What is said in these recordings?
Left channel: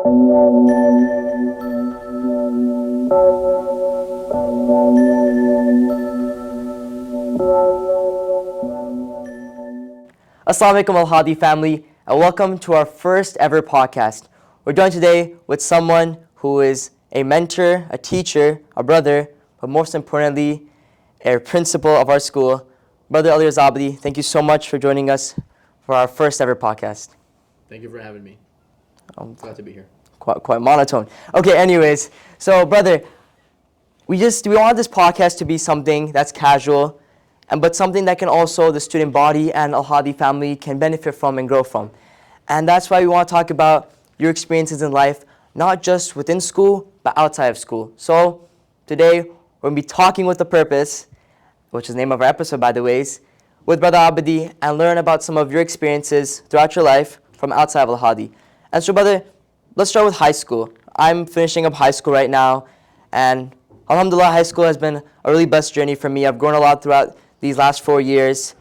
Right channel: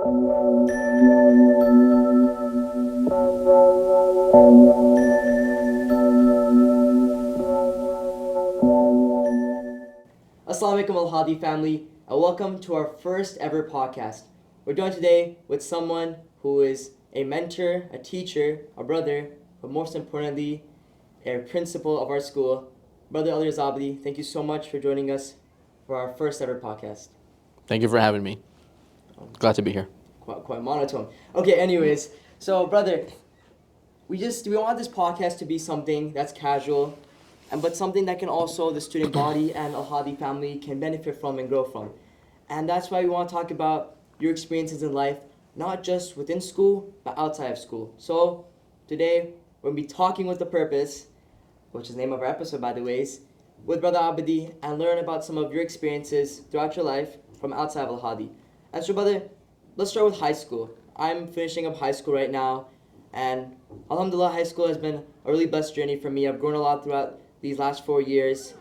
Assalamu alaikum Al-Hadi family, and welcome to our first ever podcast. We're joined today with someone who is a mentor, a teacher, a brother, but most importantly, a principal of our school. Brother Alireza Abedi, thank you so much for joining us for our first ever podcast. Thank you for having me. Glad to be here. Quite monotone. Okay, anyways, so brother, we want this podcast to be something that's casual, but something that can also the student body and Al-Hadi family can benefit from and grow from. And that's why we want to talk about your experiences in life, not just within school, but outside of school. So today, we're going to be talking with a purpose, which is the name of our episode, by the way, with Brother Abedi, and learn about some of your experiences throughout your life from outside of Al-Hadi. And so, brother, let's start with high school. I'm finishing up high school right now, and alhamdulillah, high school has been a really blessed journey for me. I've grown a lot throughout these last 4 years.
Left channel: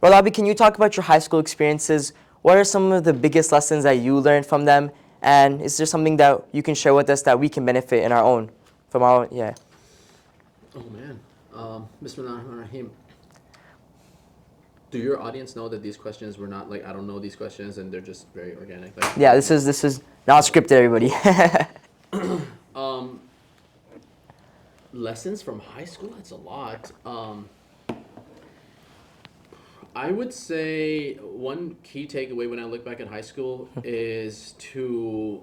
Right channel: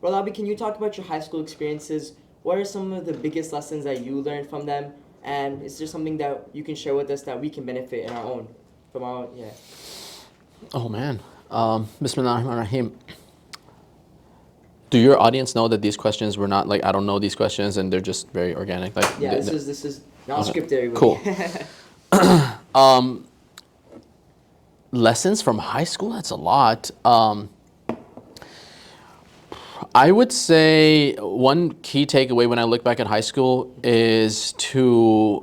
Brother Abedi, can you talk about your high school experiences? What are some of the biggest lessons that you learned from them? And is there something that you can share with us that we can benefit in our own, from our own, yeah. Oh man, Bismillahirrahmanirrahim. Do your audience know that these questions were not like, I don't know these questions and they're just very organic? Like, yeah, this is not scripted, everybody. Cool. Lessons from high school, that's a lot. I would say one key takeaway when I look back at high school is to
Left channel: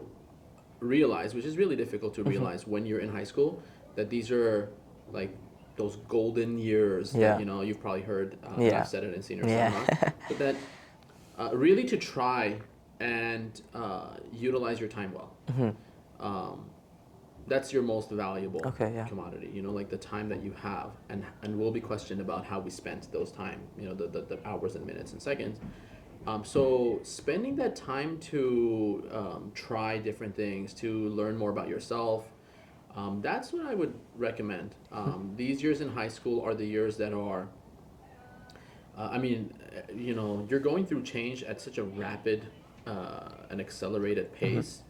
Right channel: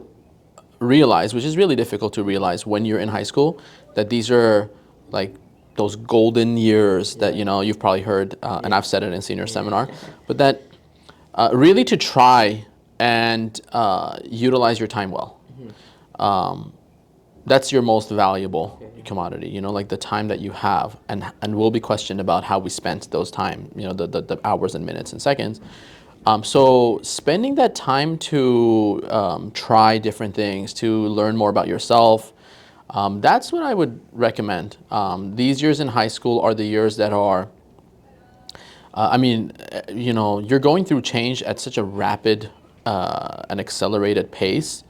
realize, which is really difficult to realize when you're in high school, that these are like those golden years that, you know, you've probably heard, and I've said it in senior seminar, but that really to try and utilize your time well. That's your most valuable commodity, you know, like the time that you have, and we'll be questioned about how we spent those time, you know, the hours and minutes and seconds. So spending that time to try different things, to learn more about yourself, that's what I would recommend. These years in high school are the years that are, you know, you're going through change at such a rapid and accelerated pace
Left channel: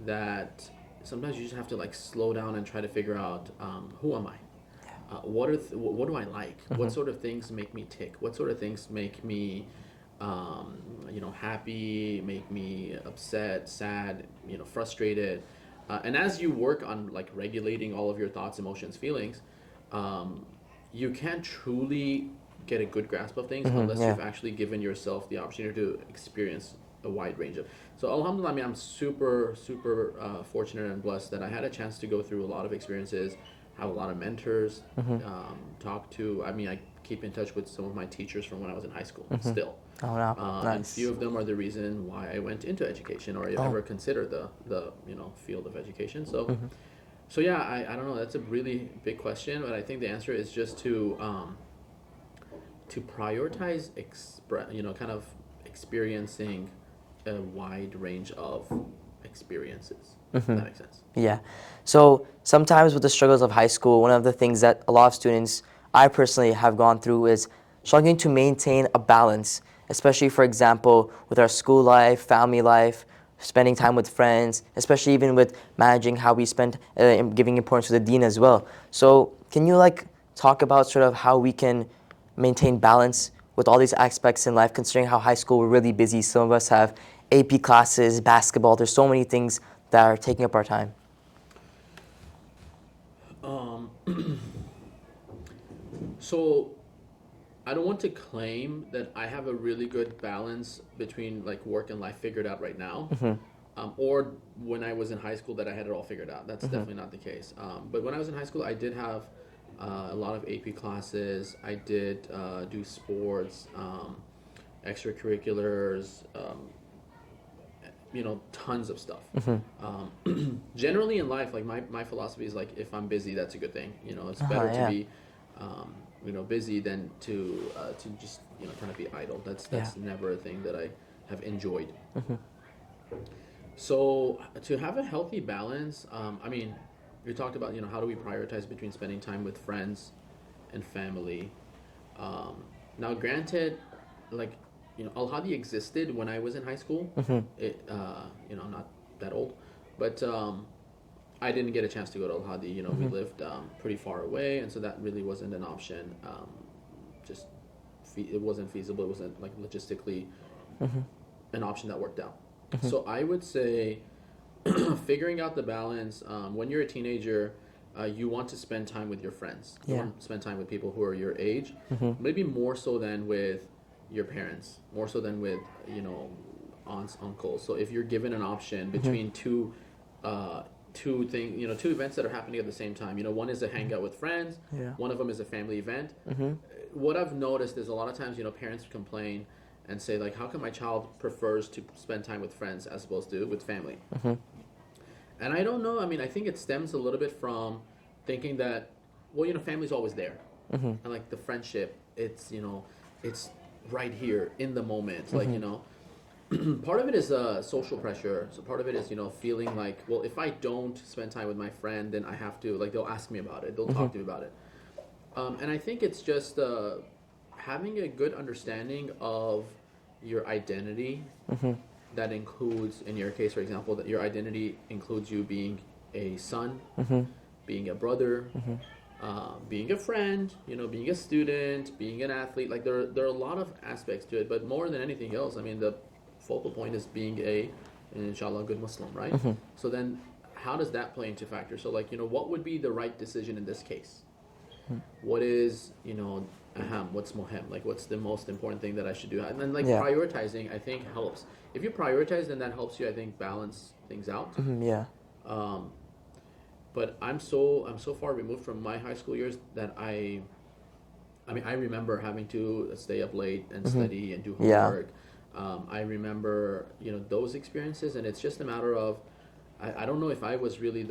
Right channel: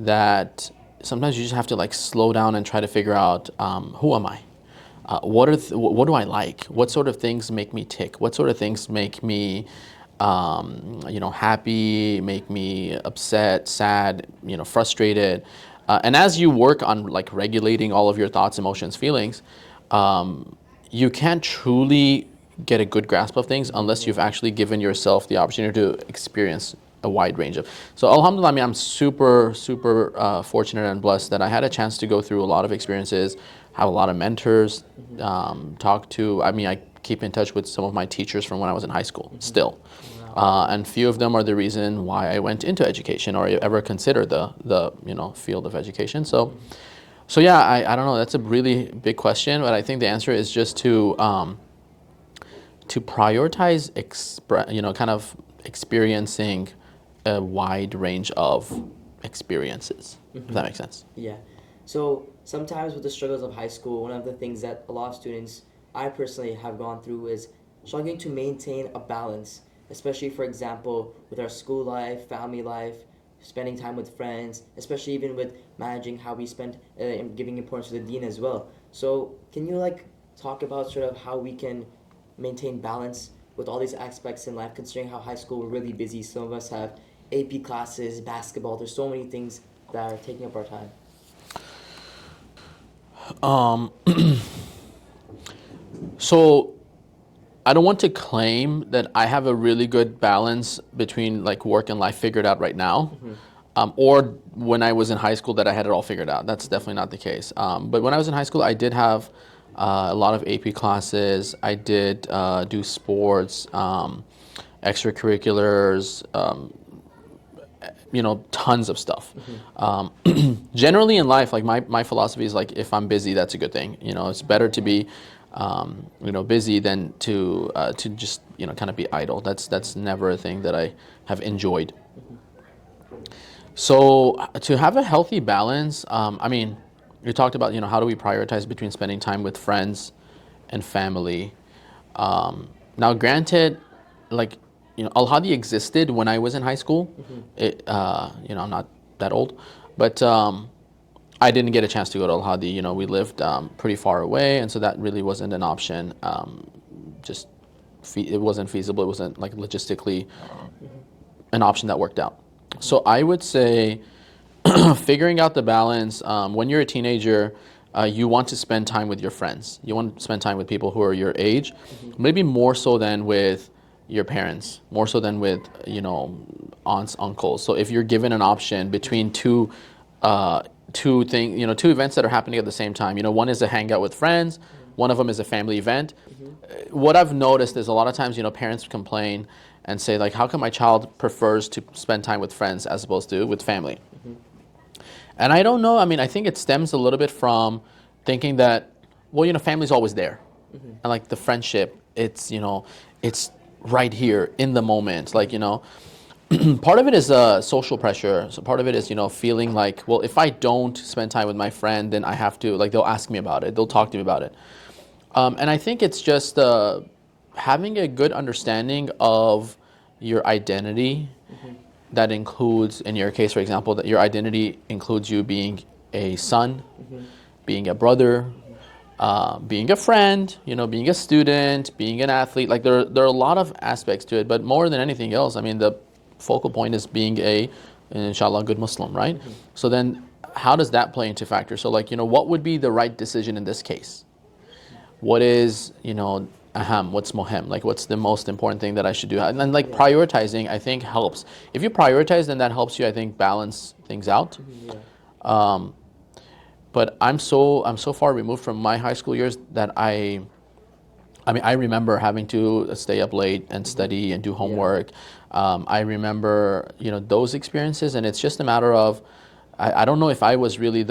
that sometimes you just have to like slow down and try to figure out who am I? What do I like? What sort of things make me tick? What sort of things make me you know, happy, make me upset, sad, you know, frustrated? And as you work on like regulating all of your thoughts, emotions, feelings, you can't truly get a good grasp of things unless you've actually given yourself the opportunity to experience a wide range of. So alhamdulillah, I mean, I'm super fortunate and blessed that I had a chance to go through a lot of experiences, have a lot of mentors, talk to, I mean, I keep in touch with some of my teachers from when I was in high school still. And few of them are the reason why I went into education or ever considered the you know, field of education. So so yeah, I don't know, that's a really big question, but I think the answer is just to prioritize you know, kind of experiencing a wide range of experiences, if that makes sense. Yeah. So sometimes with the struggles of high school, one of the things that a lot of students, I personally have gone through, is struggling to maintain a balance, especially, for example, with our school life, family life, spending time with friends, especially even with managing how we spend and giving importance to the deen as well. So can you like talk about sort of how we can maintain balance with all these aspects in life, considering how high school we're really busy? Some of us have AP classes, basketball, there's so many things that are taking up our time. So I don't want to claim that I have a really good balance between like work and life figured out right now, or when I was in high school that I had it all figured out. That's definitely not the case. But when I was in high school, I did have a lot of AP classes. I did do sports, extracurriculars, you know, tons of stuff. Generally in life, like my philosophy is like, if I'm busy, that's a good thing. You know, it's better to be, you know, busy than to just, you know, kind of be idle. That's never a thing that I have enjoyed. So to have a healthy balance, I mean, you talked about, you know, how do we prioritize between spending time with friends and family. Now, granted, like, you know, Al-Hadi existed when I was in high school. It, you know, I'm not that old. But I didn't get a chance to go to Al Hadi. You know, we lived pretty far away, and so that really wasn't an option. Just it wasn't feasible. It wasn't like logistically an option that worked out. So I would say figuring out the balance. When you're a teenager, you want to spend time with your friends. You want to spend time with people who are your age, maybe more so than with your parents, more so than with, you know, aunts, uncles. So if you're given an option between two events that are happening at the same time, you know, one is a hangout with friends, one of them is a family event. What I've noticed is a lot of times, you know, parents complain and say like, how come my child prefers to spend time with friends as opposed to with family? And I don't know. I mean, I think it stems a little bit from thinking that, well, you know, family's always there. And like the friendship, it's, you know, it's right here in the moment. Like, you know, part of it is social pressure. So part of it is, you know, feeling like, well, if I don't spend time with my friend, then I have to, like, they'll ask me about it. They'll talk to me about it. And I think it's just having a good understanding of your identity. That includes, in your case, for example, that your identity includes you being a son, being a brother, being a friend, you know, being a student, being an athlete. Like there are a lot of aspects to it, but more than anything else, I mean, the focal point is being inshallah, good Muslim, right? So then how does that play into factor? So like, you know, what would be the right decision in this case? What is, you know, what's mohem? Like, what's the most important thing that I should do? And then, like, prioritizing, I think, helps. If you prioritize, then that helps you, I think, balance things out. But I'm so far removed from my high school years that I mean, I remember having to stay up late and study and do homework. I remember, you know, those experiences, and it's just a matter of, I don't know if I was really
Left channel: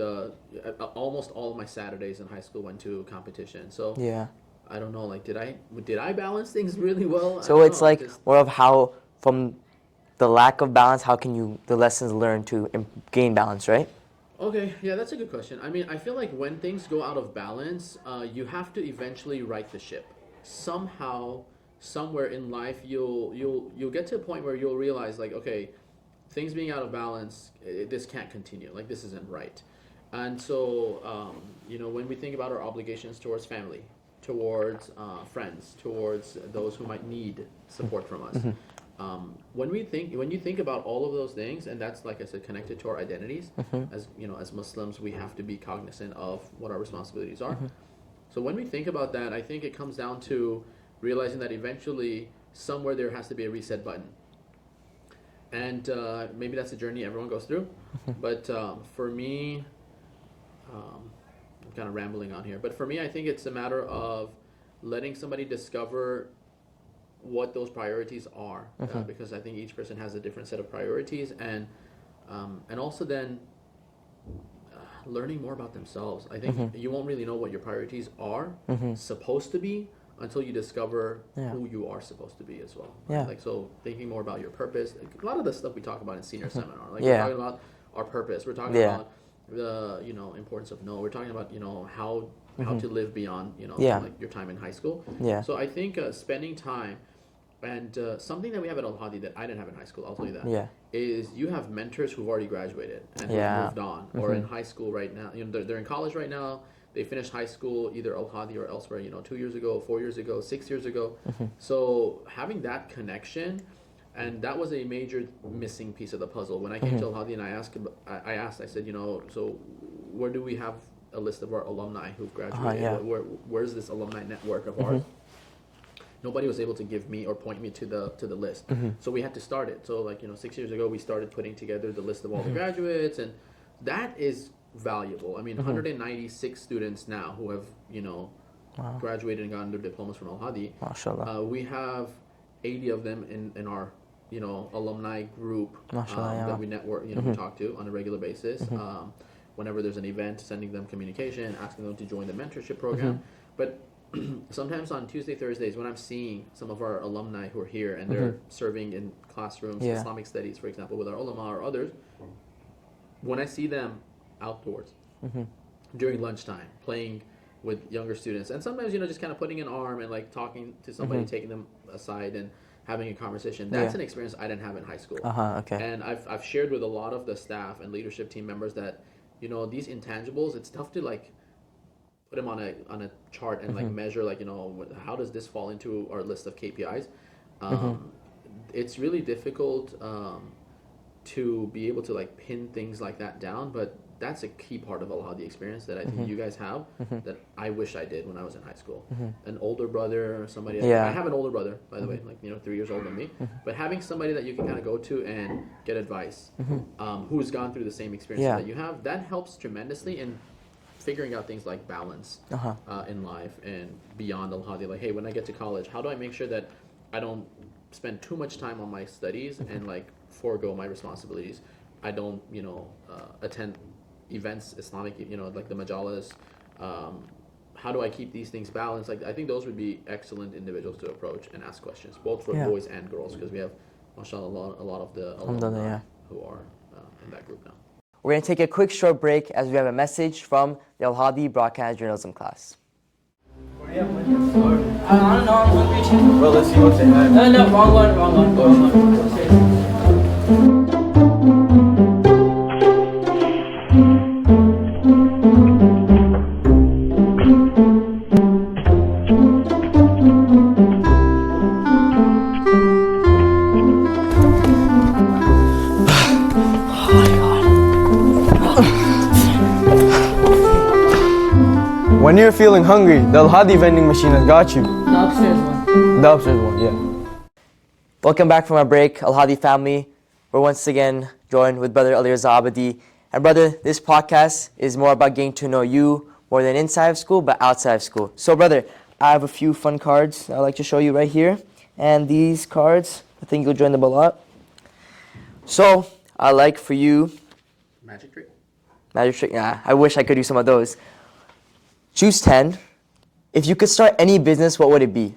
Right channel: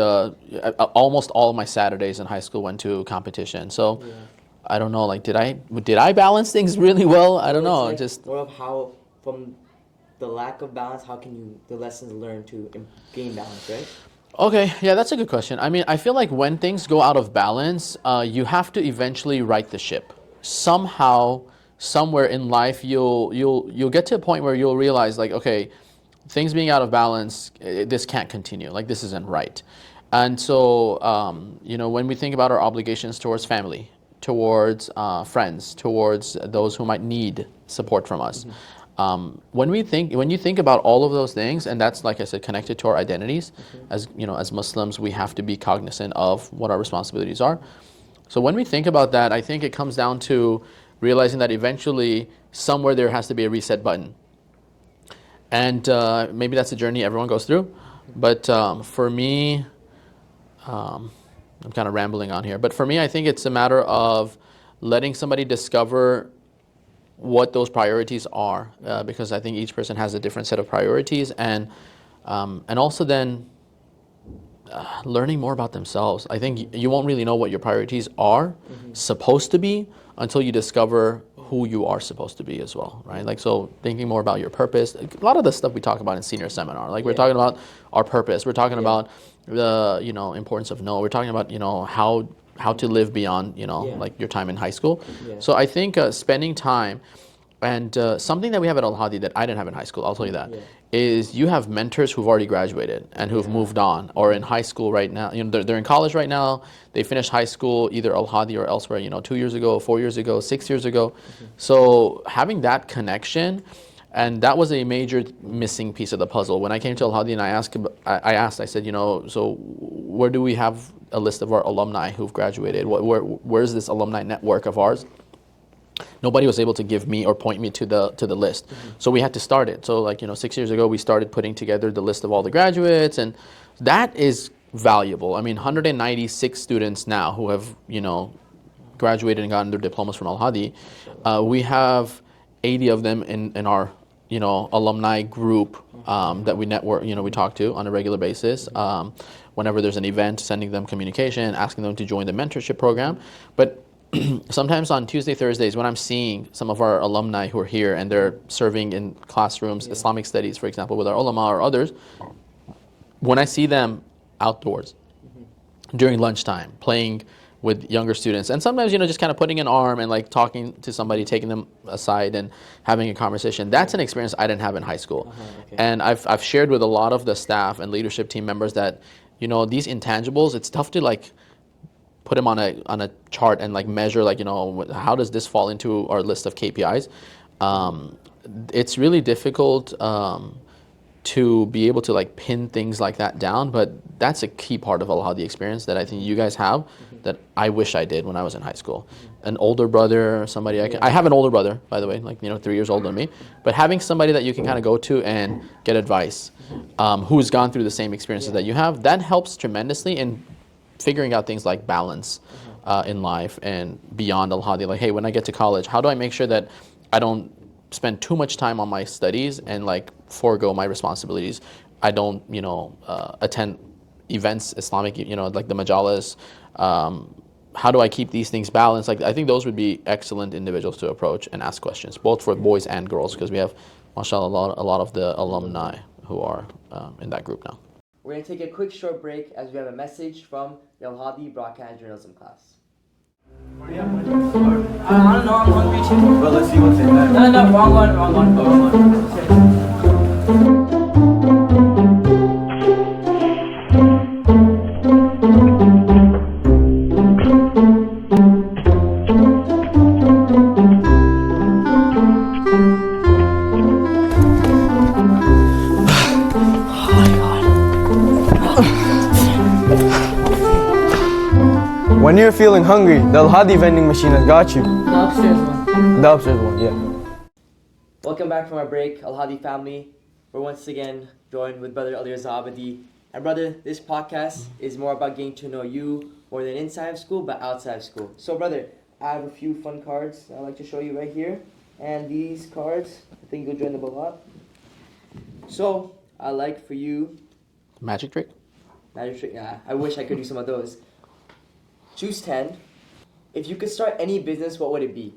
almost all of my Saturdays in high school went to competition. So. I don't know, like, did I balance things really well? I don't know. So it's like just more of how, from the lack of balance, how can the lessons learned to gain balance, right? Okay, yeah, that's a good question. I mean, I feel like when things go out of balance, you have to eventually right the ship. Somehow, somewhere in life, you'll get to a point where you'll realize, like, okay, things being out of balance, this can't continue. Like, this isn't right. And so, you know, when we think about our obligations towards family, towards friends, towards those who might need support from us. When you think about all of those things, and that's, like I said, connected to our identities, as you know, as Muslims, we have to be cognizant of what our responsibilities are. So when we think about that, I think it comes down to realizing that eventually, somewhere there has to be a reset button. And maybe that's a journey everyone goes through. But for me, I'm kind of rambling on here, but for me, I think it's a matter of letting somebody discover what those priorities are, because I think each person has a different set of priorities, and also then learning more about themselves. I think you won't really know what your priorities are supposed to be until you discover who you are supposed to be as well, right? Like, so thinking more about your purpose. A lot of the stuff we talk about in senior seminar, like we're talking about our purpose. We're talking about the, you know, importance of no. We're talking about, you know, how to live beyond, you know, like your time in high school. So I think spending time, and something that we have at Al Hadi that I didn't have in high school, I'll tell you that, is you have mentors who've already graduated and who've moved on, or in high school right now. You know, they're in college right now. They finished high school either Al Hadi or elsewhere, you know, 2 years ago, 4 years ago, 6 years ago. So having that connection, and that was a major missing piece of the puzzle. When I came to Al Hadi and I said, you know, so where do we have a list of our alumni who've graduated? Where's this alumni network of ours? Nobody was able to give me or point me to the list. So we had to start it. So, like, you know, 6 years ago, we started putting together the list of all the graduates, and that is valuable. I mean, 196 students now who have, you know, graduated and gotten their diplomas from Al Hadi. We have 80 of them in our, you know, alumni group that we network, you know, we talk to on a regular basis. Whenever there's an event, sending them communication, asking them to join the mentorship program. But sometimes on Tuesday, Thursdays, when I'm seeing some of our alumni who are here and they're serving in classrooms, Islamic studies, for example, with our ulama or others, when I see them outdoors during lunchtime, playing with younger students, and sometimes just kind of putting an arm and like talking to somebody, taking them aside and having a conversation. That's an experience I didn't have in high school. Okay. And I've shared with a lot of the staff and leadership team members that these intangibles, it's tough to like put them on a chart and like measure like how does this fall into our list of KPIs. It's really difficult to be able to like pin things like that down, but that's a key part of a lot of the experience that I think you guys have that I wish I did when I was in high school. An older brother, somebody I have an older brother, by the way, like 3 years older than me, but having somebody that you can kind of go to and get advice, who's gone through the same experiences that you have, that helps tremendously in figuring out things like balance in life and beyond al-Hadi. Like, hey, when I get to college, how do I make sure that I don't spend too much time on my studies and like forego my responsibilities? I don't, attend events, Islamic, like the majalis. How do I keep these things balanced? Like, I think those would be excellent individuals to approach and ask questions, both for boys and girls, because we have, mashallah, a lot of the alumni who are in that group now. We're going to take a quick short break as we have a message from the Al-Hadi Broadcast Journalism class. I don't know, I'm hungry too. Well, let's see what's in there. No, wrong one. Okay. When you're feeling hungry, the Al-Hadi vending machine has got you. The upstairs one. The upstairs one, yeah. Welcome back from our break, Al-Hadi family. We're once again joined with Brother Alireza Abedi. And brother, this podcast is more about getting to know you more than inside of school, but outside of school. So brother, I have a few fun cards I'd like to show you right here. And these cards, I think you'll join them a lot. So, I'd like for you... Magic trick? Magic trick? Yeah, I wish I could do some of those. Choose 10. If you could start any business, what would it be?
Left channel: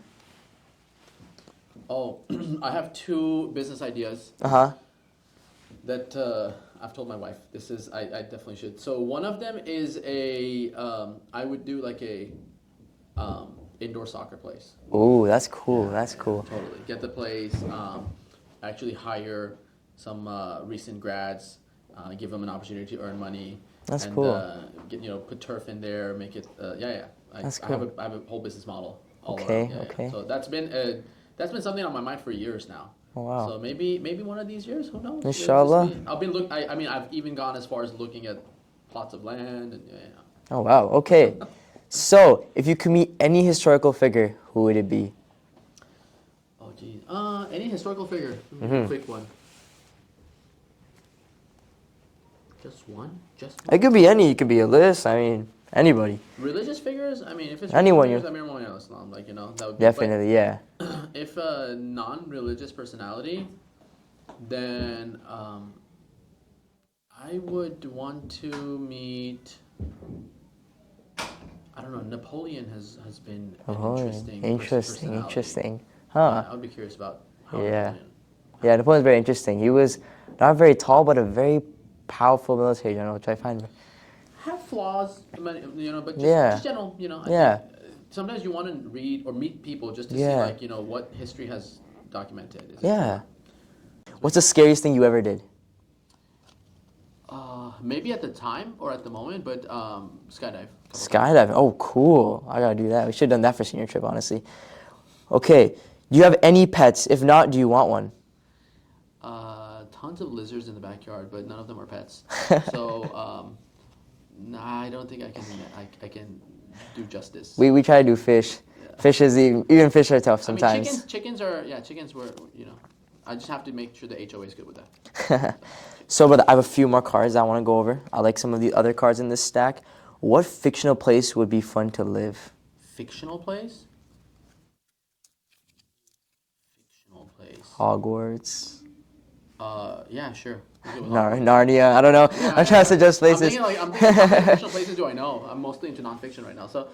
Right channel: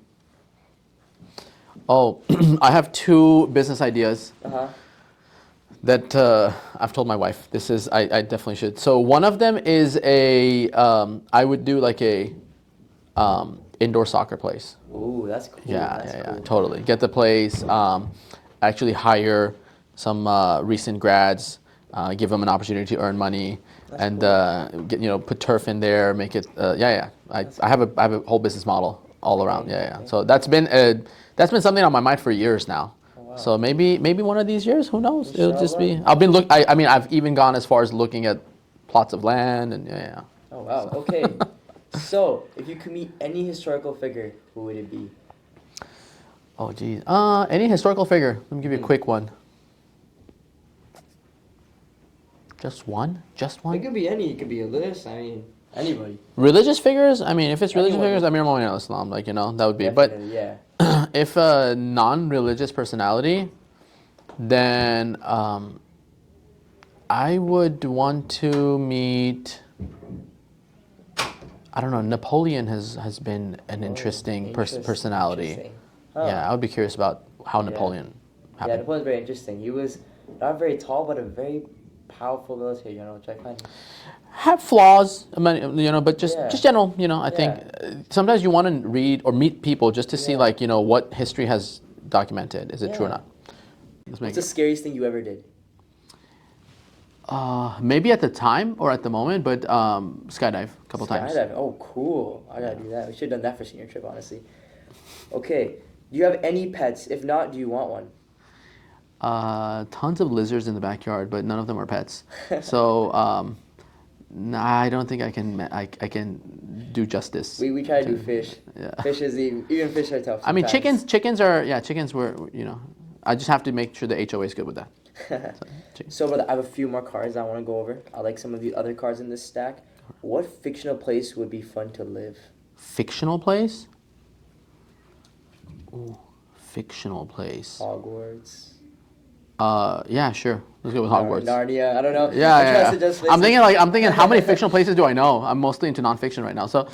Oh, I have 2 business ideas Uh-huh. that I've told my wife. I definitely should. So one of them is I would do like a indoor soccer place. Ooh, that's cool. Yeah, That's yeah, cool. yeah, totally. Get the place, actually hire some recent grads, give them an opportunity to earn money. That's and cool. put turf in there, make it I have a whole business model all around. Okay. So that's been something on my mind for years now. Oh, wow. So maybe one of these years, who knows? It'll just Inshallah. be I've even gone as far as looking at plots of land and Oh, wow. Okay. So, if you could meet any historical figure, who would it be? Oh geez. Any historical figure. Let me give you a quick one. Just one? Just one? It could be any. It could be a list. I mean, anybody. Religious figures? I mean, if it's religious Anyone. figures, Amir Mu'minin al-Islam, that would be. Definitely, yeah. But if a non-religious personality, then I would want to meet. I don't know. Napoleon has been an interesting personality. Interesting. Huh. Yeah, I would be curious about how Napoleon. Yeah, Napoleon's very interesting. He was not very tall, but a very powerful military general, which I find. Have flaws, but just general, I Yeah. think sometimes you want to read or meet people just to see what history has documented. Is it true or not? What's the scariest thing you ever did? Maybe at the time or at the moment, but skydive a couple times. Skydiving. Oh, cool. I gotta do that. We should have done that for senior trip, honestly. Okay. Do you have any pets? If not, do you want one? Tons of lizards in the backyard, but none of them are pets. So I don't think I can do justice. We try to do fish. Yeah. Fish is even fish are tough sometimes. I mean, chickens were, I just have to make sure the HOA is good with that. So, brother, I have a few more cards I want to go over. I like some of the other cards in this stack. What fictional place would be fun to live? Fictional place? Ooh, fictional place. Hogwarts. Yeah, sure. Let's go with Hogwarts. Narnia. I don't know. Yeah, I'm trying to suggest places. I'm thinking how many fictional places do I know? I'm mostly into nonfiction right now. So,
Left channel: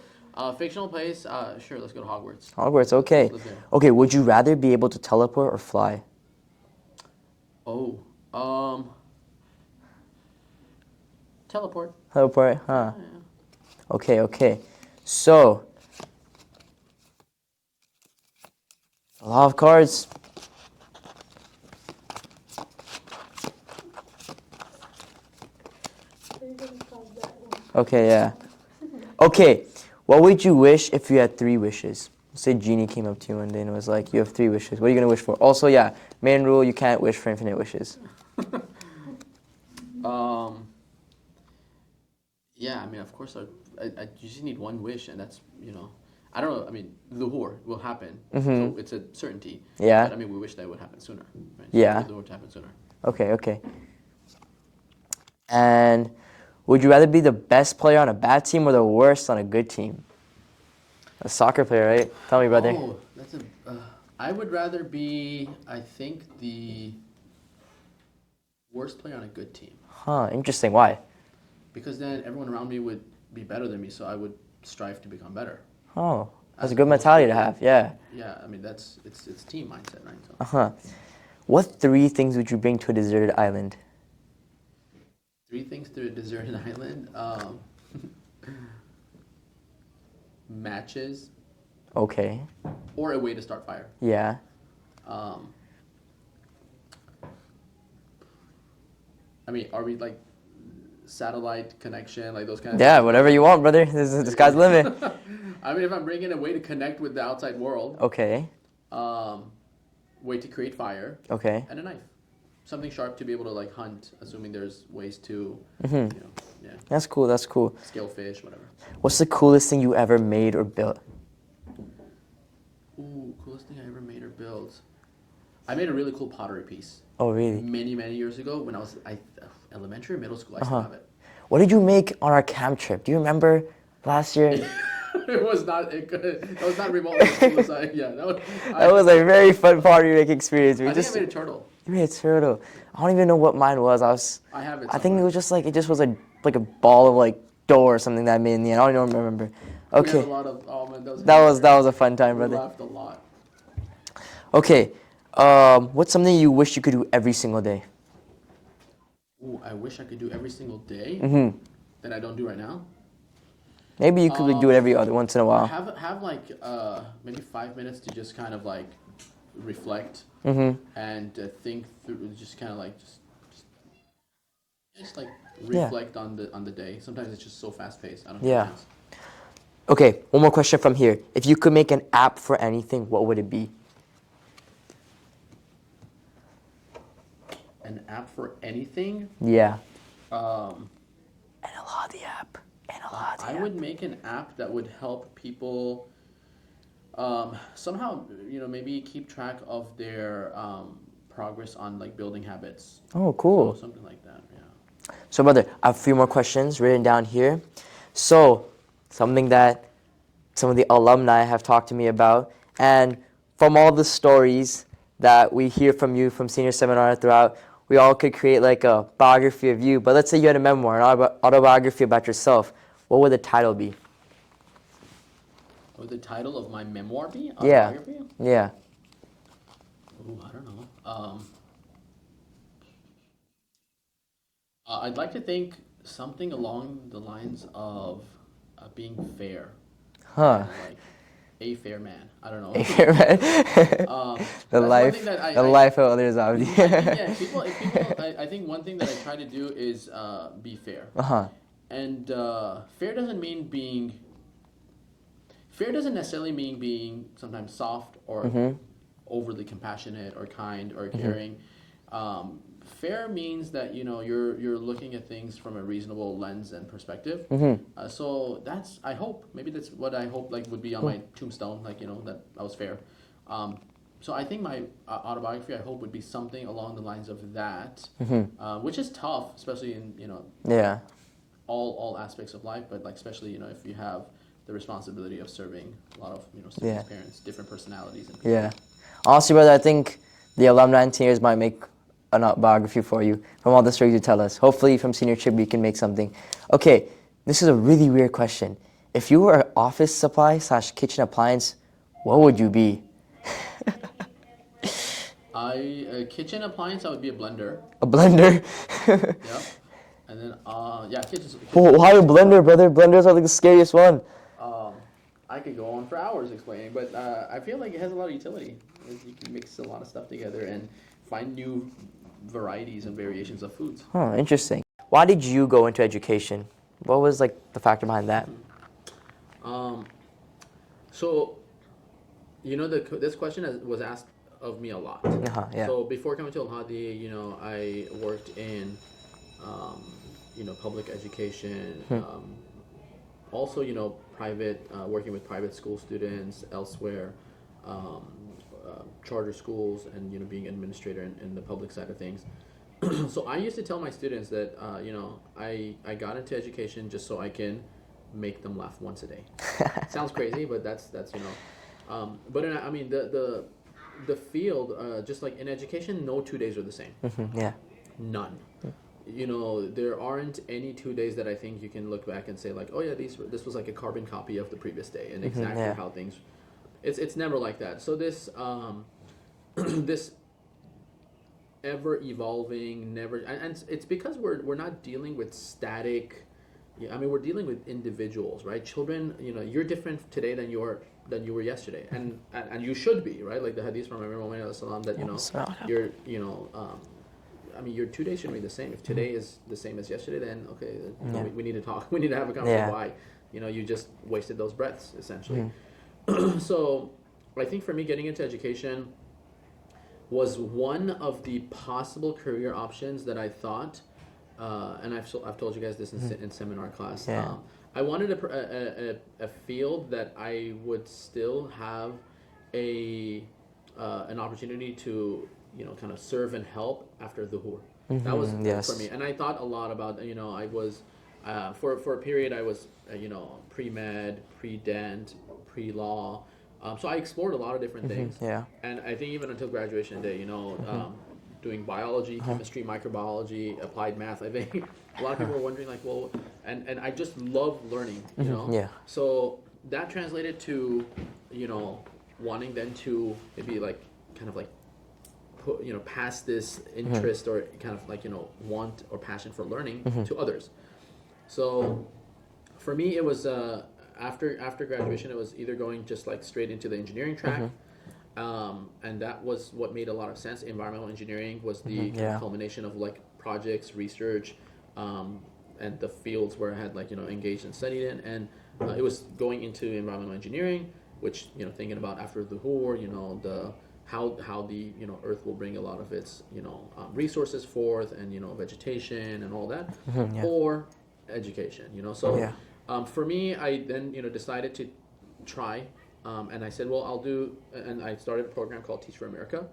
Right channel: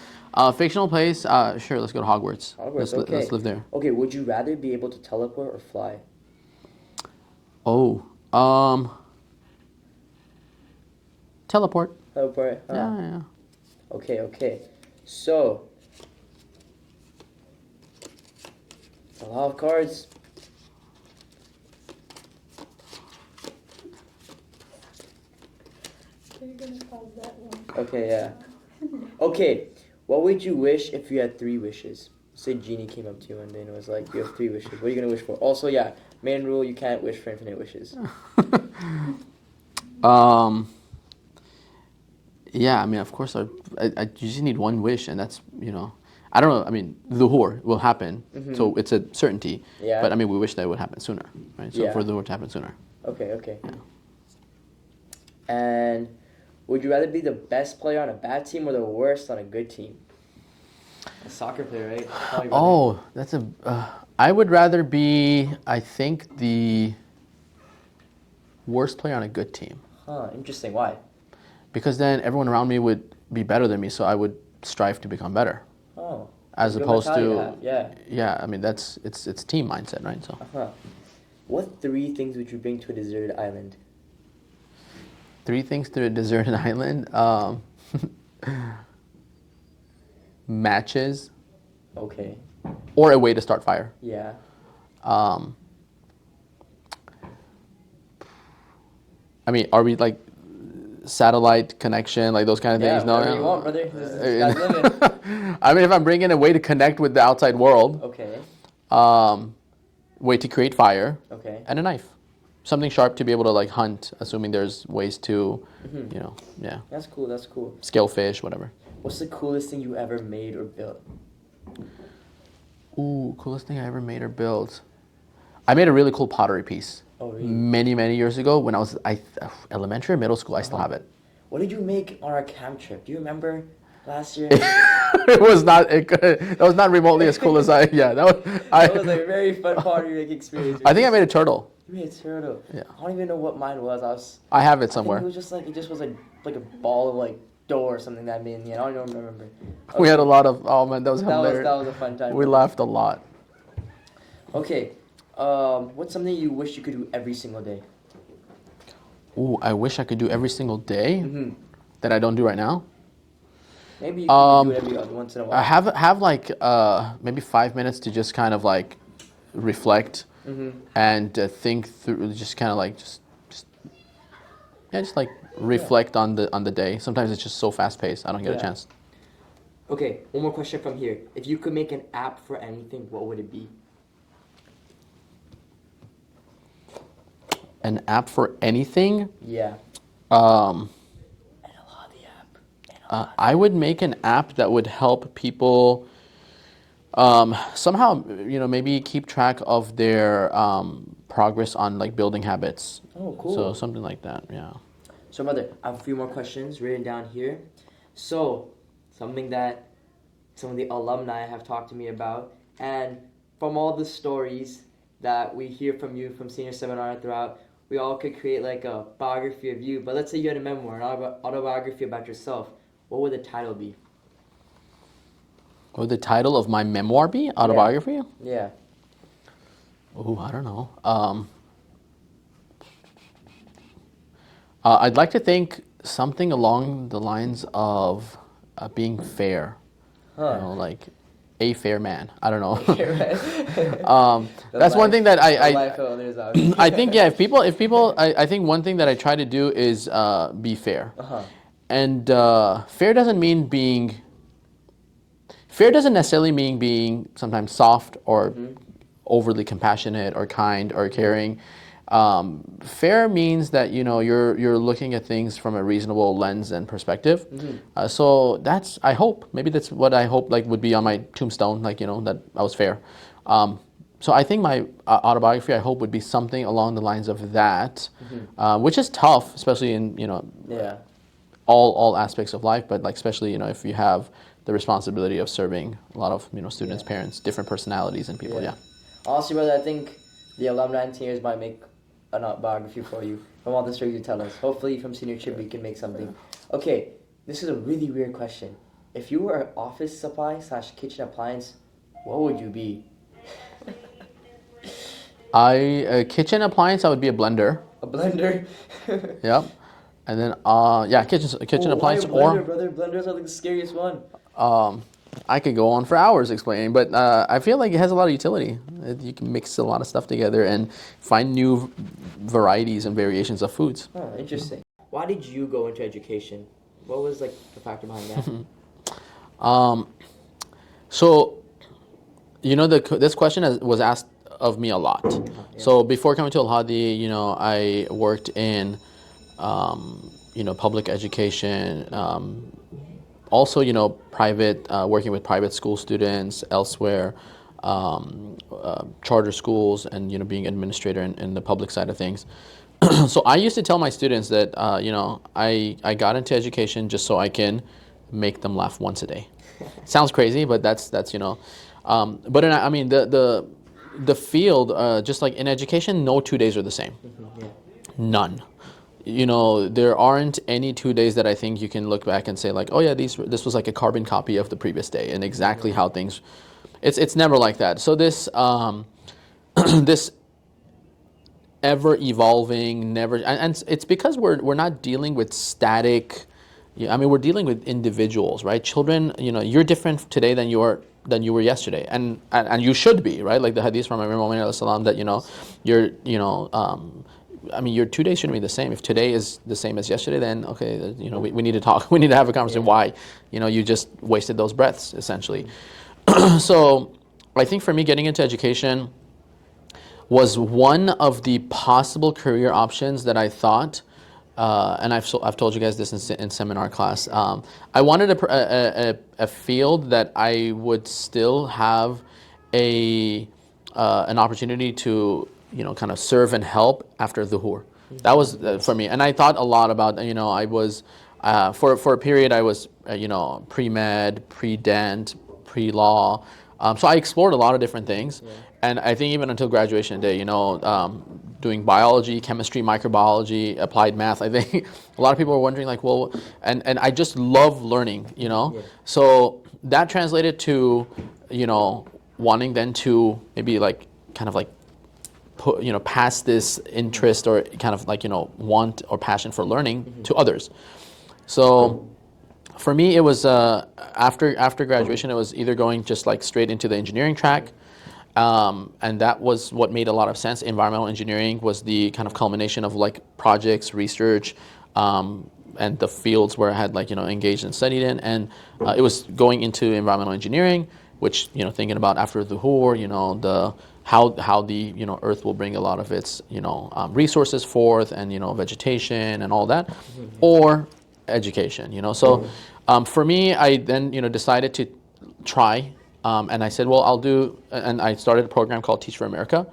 fictional place, sure, let's go to Hogwarts. Hogwarts, okay. Let's live there. Okay, would you rather be able to teleport or fly? Oh, teleport. Teleport, huh? Yeah. Okay. So, a lot of cards. Okay, yeah. Okay, what would you wish if you had 3 wishes? Say Genie came up to you one day and was like, you have 3 wishes. What are you going to wish for? Also, yeah, main rule, you can't wish for infinite wishes. Yeah, I mean, of course, I just need one wish, and that's, I don't know. I mean, Zuhur will happen, so it's a certainty. Yeah. But I mean, we wish that it would happen sooner, right? So Yeah. for Zuhur to happen sooner. Okay, okay. And would you rather be the best player on a bad team or the worst on a good team? A soccer player, right? Tell me, brother. Oh, that's I would rather be, I think, the worst player on a good team. Huh, interesting. Why? Because then everyone around me would be better than me, so I would strive to become better. Oh, As that's a good opposed mentality to have, yeah. Yeah, I mean, it's team mindset, right? So Uh-huh. What 3 things would you bring to a deserted island? 3 things to a deserted island. Matches Okay, or a way to start fire. yeah. I mean, are we like satellite connection, like those kind of Yeah, things? whatever you want, brother. This is sky's the limit. I mean, if I'm bringing a way to connect with the outside world, Okay, way to create fire, okay. and a knife, something sharp to be able to like hunt, assuming there's ways to, yeah, That's cool, that's cool. scale fish, whatever. What's the coolest thing you ever made or built? Ooh, coolest thing I ever made or built. I made a really cool pottery piece. Oh, really? Many years ago when I was elementary or middle school. I still have it. What did you make on our camp trip? Do you remember last year? It was not. That was not remotely as cool as I. Yeah, that was. That was a very fun pottery making experience. I think I made a turtle. You made a turtle. Yeah. I don't even know what mine was. I have it I think somewhere. it was just like like a ball of like dough or something that I made in the end. I don't even remember. Okay. We had a lot of. Oh man, that was. That hilarious. was a fun time. We brother. laughed a lot. Okay, what's something you wish you could do every single day? Ooh, I wish I could do every single day that I don't do right now. Maybe you could do it every other once in a while. I have like maybe 5 minutes to just kind of like reflect and think through, just kind of like just like reflect on the day. Sometimes it's just so fast paced. I don't get a chance. Okay, one more question from here. If you could make an app for anything, what would it be? An app for anything? Yeah. Um, Analadi app. I would make an app that would help people somehow, maybe keep track of their progress on like building habits. Oh, cool. So something like that, yeah. So, brother, I have a few more questions written down here. So, something that some of the alumni have talked to me about, and from all the stories that we hear from you from senior seminar throughout, we all could create like a biography of you. But let's say you had a memoir, an autobiography about yourself. What would the title be? What would the title of my memoir be? Autobiography? Yeah. Oh, I don't know. I'd like to think something along the lines of being fair. Huh. Like a fair man. I don't know. That's That's one thing that I life of others. I think if people I think one thing that I try to do is be fair. And fair doesn't necessarily mean being sometimes soft or overly compassionate or kind or caring. Fair means that you're looking at things from a reasonable lens and perspective. So that's maybe that's what I hope like would be on my tombstone, like that I was fair. So I think my autobiography I hope would be something along the lines of that, which is tough, especially in all aspects of life, but like especially if you have the responsibility of serving a lot of students, parents, different personalities and people. Honestly, brother, I think the alumni and seniors might make an autobiography for you from all the stories you tell us. Hopefully from senior trip we can make something. Okay, this is a really weird question. If you were an office supply / kitchen appliance, what would you be? A kitchen appliance, I would be a blender. A blender? Yep. And then kitchen Why a appliance. blender, brother? Blenders are like the scariest one. I could go on for hours explaining, but I feel like it has a lot of utility. You can mix a lot of stuff together and find new varieties and variations of foods. Oh, interesting. Why did you go into education? What was like the factor behind that? So, this question was asked of me a lot. Yeah. So before coming to Al Hadi, I worked in, public education. Also, private, working with private school students elsewhere, charter schools, and being administrator in the public side of things. So I used to tell my students that I got into education just so I can make them laugh once a day. Sounds crazy, but that's but the field, just like in education, no 2 days are the same. Yeah. None. There aren't any 2 days that I think you can look back and say like, oh yeah, this was like a carbon copy of the previous day and exactly how things. It's never like that. So this this ever evolving, never, and it's because we're not dealing with static. We're dealing with individuals, right? Children, you're different today than you were yesterday, and you should be, right? Like the hadith from Imam Muhammad salam that you're your 2 days shouldn't be the same. If today is the same as yesterday, then okay, we need to talk. We need to have a conversation. Why? You just wasted those breaths essentially. So I think for me, getting into education was one of the possible career options that I thought, and I've told you guys this in seminar class. I wanted a field that I would still have an opportunity to kind of serve and help after dhuhr. That was for me, and I thought a lot about. I was for a period I was pre-med, pre-dent, pre-law. So I explored a lot of different things, and I think even until graduation day, doing biology, chemistry, microbiology, applied math. I think a lot of people were wondering like, well, and I just love learning, So that translated to, wanting then to maybe like kind of like put, pass this interest or kind of like, want or passion for learning to others. So for me, it was after graduation, it was either going just like straight into the engineering track, and that was what made a lot of sense. Environmental engineering was the kind of culmination of like projects, research, and the fields where I had like engaged and studied in, and it was going into environmental engineering, which thinking about after the dhuhr, the how the earth will bring a lot of its resources forth, and vegetation and all that, or education, So for me, I then decided to try, and I said, well, I'll do, and I started a program called Teach for America,